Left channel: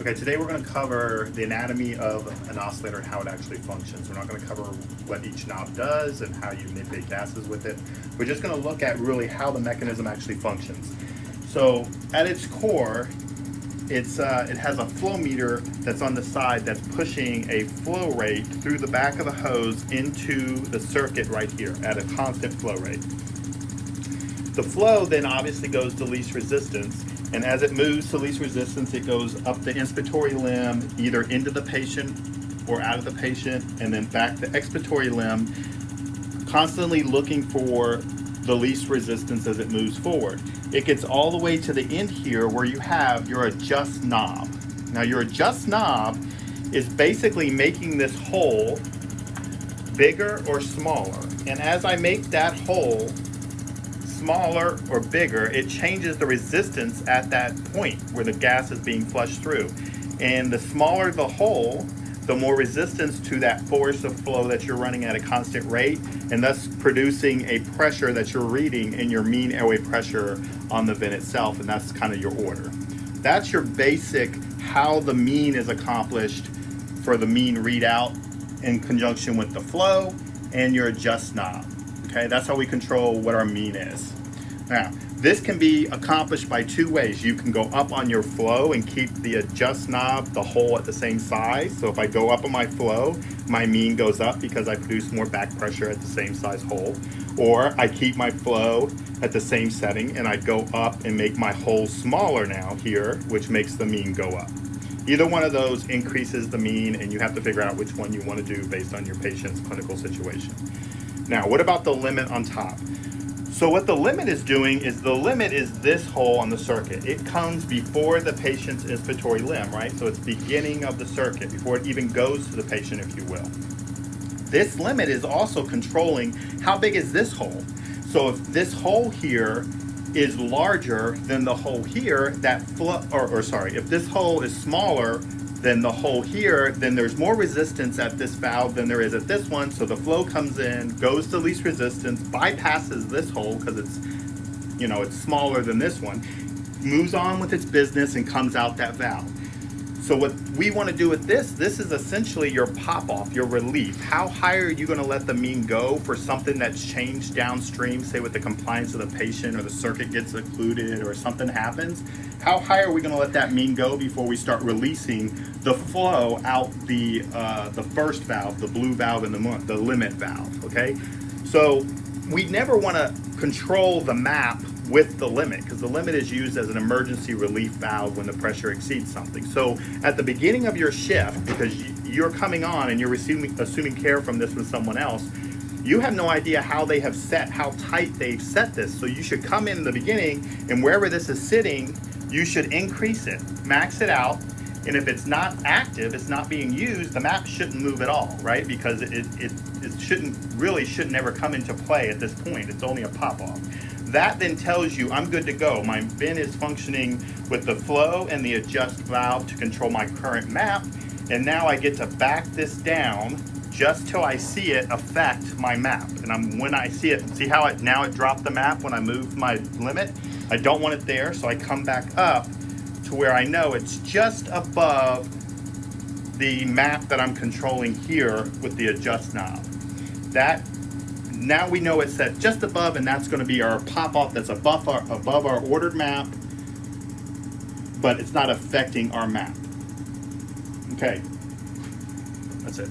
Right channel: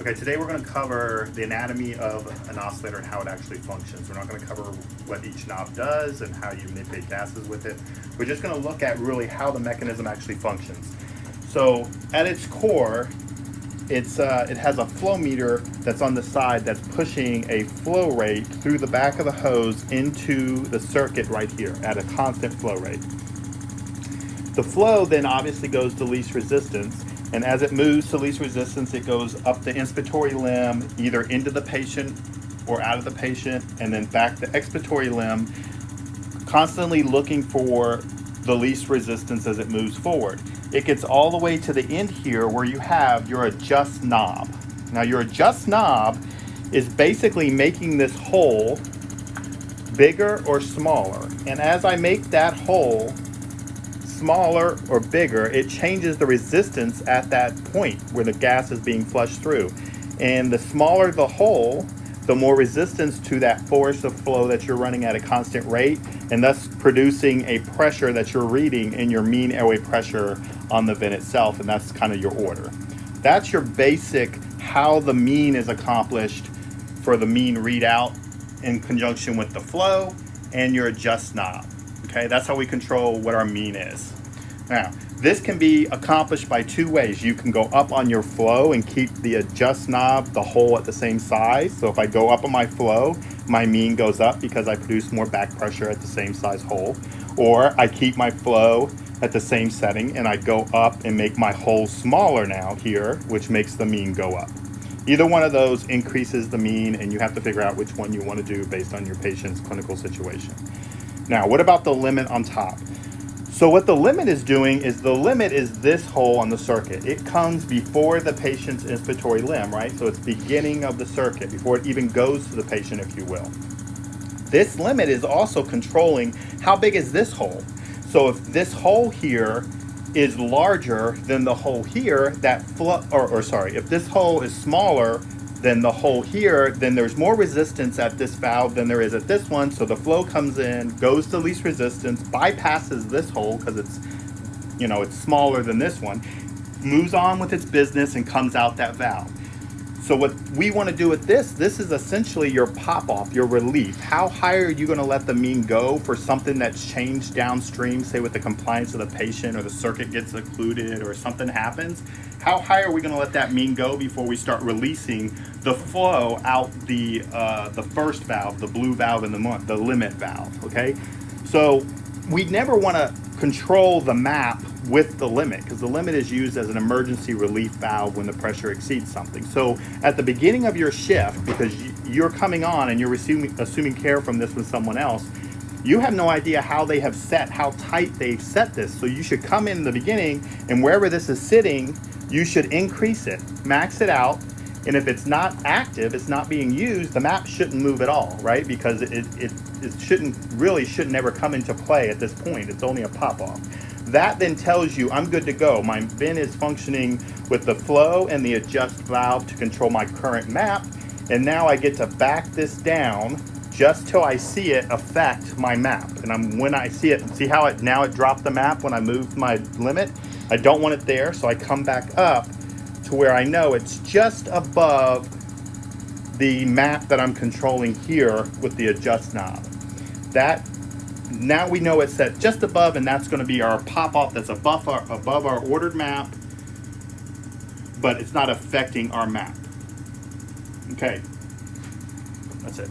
Okay, today we're going to cover the anatomy of an oscillator and how it actually functions. We're not going to cover what each knob does and how you manipulate gases with it. We're just going to look at really how the mechanism actually functions. So at its core, it has a flow meter that's on the side that's pushing a flow rate through the back of the hose into the circuit right here at a constant flow rate. The flow then obviously goes to least resistance, and as it moves to least resistance, it goes up the inspiratory limb, either into the patient or out of the patient, and then back the expiratory limb, constantly looking for the least resistance as it moves forward. It gets all the way to the end here where you have your adjust knob. Now your adjust knob is basically making this hole bigger or smaller, and as I make that hole smaller or bigger, it changes the resistance at that point where the gas is being flushed through. And the smaller the hole, the more resistance to that force of flow that you're running at a constant rate, and thus producing a pressure that you're reading in your mean airway pressure on the vent itself, and that's kind of your order. That's your basic how the mean is accomplished for the mean readout in conjunction with the flow and your adjust knob. Okay, that's how we control what our mean is. Now, this can be accomplished by two ways. You can go up on your flow and keep the adjust knob, the hole at the same size. So if I go up on my flow, my mean goes up because I produce more back pressure at the same size hole. Or I keep my flow at the same setting and I go up and make my hole smaller now here, which makes the mean go up. Either one of those increases the mean, and you have to figure out which one you want to do based on your patient's clinical situation. Now, what about the limit on top? So what the limit is doing is the limit is this hole on the circuit. It comes before the patient's inspiratory limb, right? So it's beginning of the circuit, before it even goes to the patient, if you will. This limit is also controlling how big is this hole. So if this hole here is larger than the hole here, if this hole is smaller than the hole here, then there's more resistance at this valve than there is at this one. So the flow comes in, goes to least resistance, bypasses this hole because it's smaller than this one, moves on with its business and comes out that valve. So what we want to do with this is essentially your pop-off, your relief. How high are you going to let the mean go for something that's changed downstream, say with the compliance of the patient or the circuit gets occluded or something happens? How high are we going to let that mean go before we start releasing the flow out the first valve, the blue valve in the limit valve, okay? So we never want to control the map with the limit, because the limit is used as an emergency relief valve when the pressure exceeds something. So at the beginning of your shift, because you're coming on and you're assuming care from this with someone else, you have no idea how tight they've set this. So you should come in the beginning, and wherever this is sitting, you should increase it, max it out. And if it's not active, it's not being used, the map shouldn't move at all, right? Because it shouldn't ever come into play at this point. It's only a pop-off. That then tells you I'm good to go. My bin is functioning with the flow and the adjust valve to control my current map. And now I get to back this down just till I see it affect my map. And when I see it, see how it dropped the map when I moved my limit? I don't want it there, so I come back up to where I know it's just above the map that I'm controlling here with the adjust knob. Now we know it's set just above, and that's going to be our pop-off that's above our ordered map, but it's not affecting our map. Okay, that's it.